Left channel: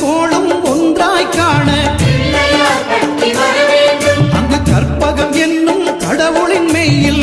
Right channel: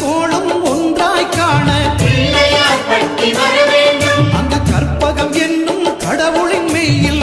கோளும் ஒன்றாய் காண. அங்கு கற்பகம் என்னும் கடவுளின் மெய்யில்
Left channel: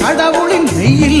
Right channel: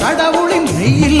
கடவுளின் வெயில்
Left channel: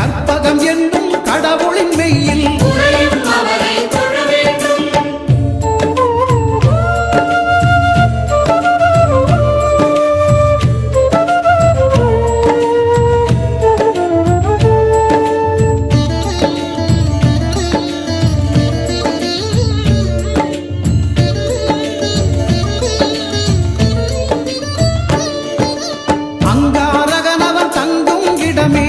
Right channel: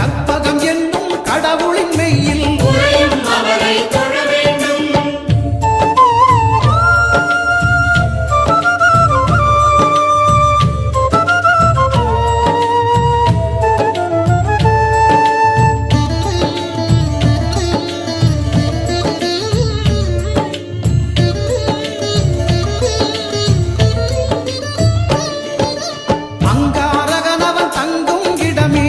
கற்பகம் என்னும் கடவுளின் மெய்யில். அங்காரகனவன் தங்கும் இடமே.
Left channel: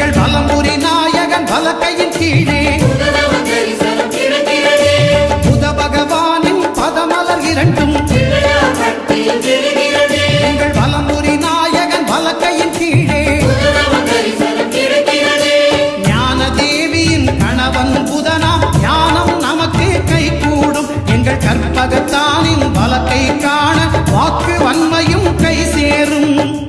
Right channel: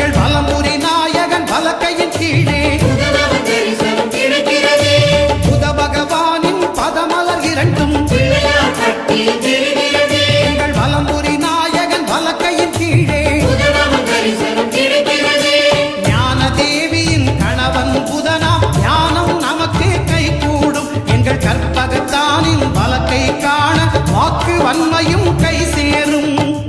எங்கள் பலம்புரி நாயகன் பலக்கையின் கீழே. புத பகவானின் பதமலர் இரண்டும். எங்கள் பலம்புரி நாயகன் பலக்கையின் கீழே. தேவியின் கணவன் புதனாம் ஞானம் நமக்கு கை கூடும். எங்கள் கற்பகத்தானின் வலக்கை காண வாக்கு வன்மையும் கை சேரும்.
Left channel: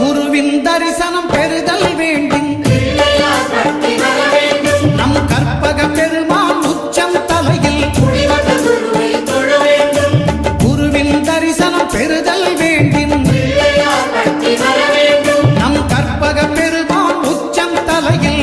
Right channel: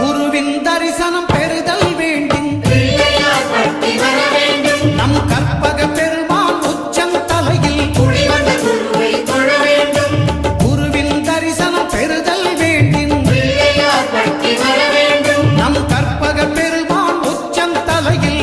குருவின் தரிசனம் பெறுதல் வேண்டும் நம் கற்பக பெருமான் உச்சம் தலையில். குருவின் தரிசனம் பெறுதல் வேண்டின். நம் கற்பக பெருமான் உச்சம் தலையில்.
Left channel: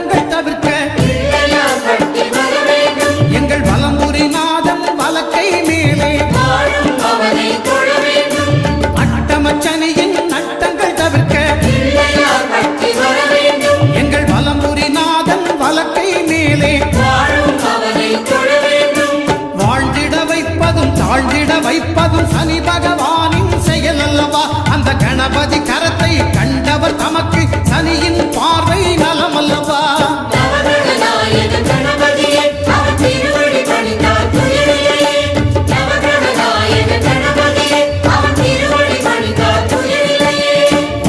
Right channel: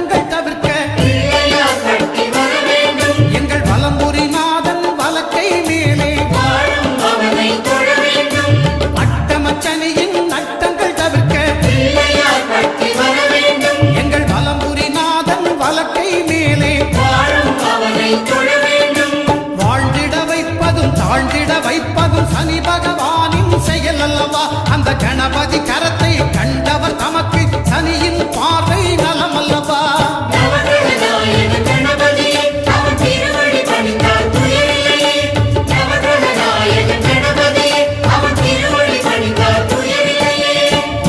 நட்டங்கள் தவிர்க்க எங்கள் வலம்புரி நாதன் வலக்கை மேலே அட்டமச்சனையின் நட்டங்கள் தவிர்க்க எங்கள் வலம்புரி நாதன் வலக்கை மேலே வாழ்ந்திட வைப்பதும் தாழ்ந்திட வைப்பதும் சனி பகவானின் செயல் அல்லவா? அந்த கணபதி கரத்தை கண்டவர் தமக்கு சனியின் பார்வை நலம் அல்லவா?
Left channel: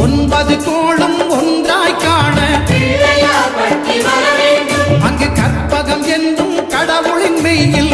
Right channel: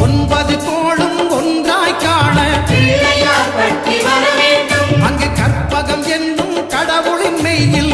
ஒன்பது கோளும் ஒன்றாய் காண. அங்கு கற்பகம் என்னும் கடவுளின் மெய்யில்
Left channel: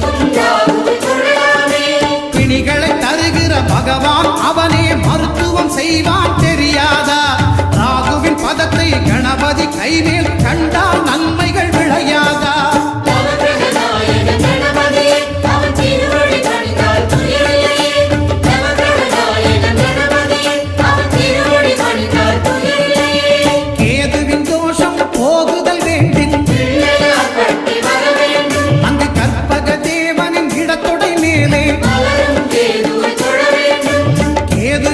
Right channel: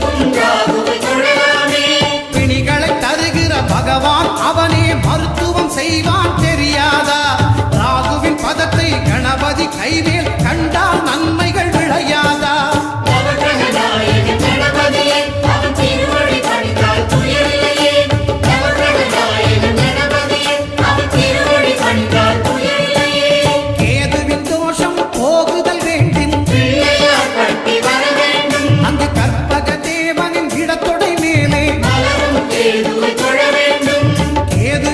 பிணிகளை தருகிற பகவான் அவனே மருத்துவம் செய்வான் தெரியாதா? ராகுவின் பதத்தை கணபதி கைமேல் கண்டால் நன்மைகள் விளையாதா? கேதுவின் தோஷம் போகுதல் வேண்டும் அங்கு கற்பக தேவனின் இடத்தொடை மேலே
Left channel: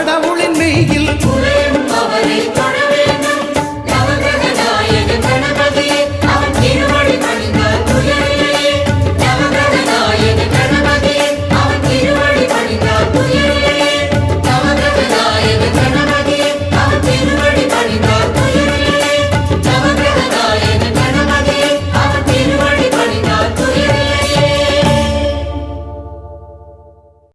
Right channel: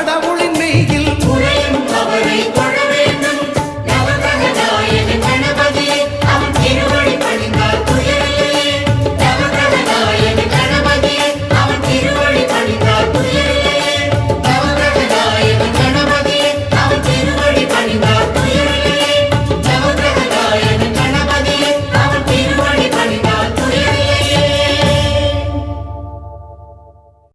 கடவுளின் மெய்யில்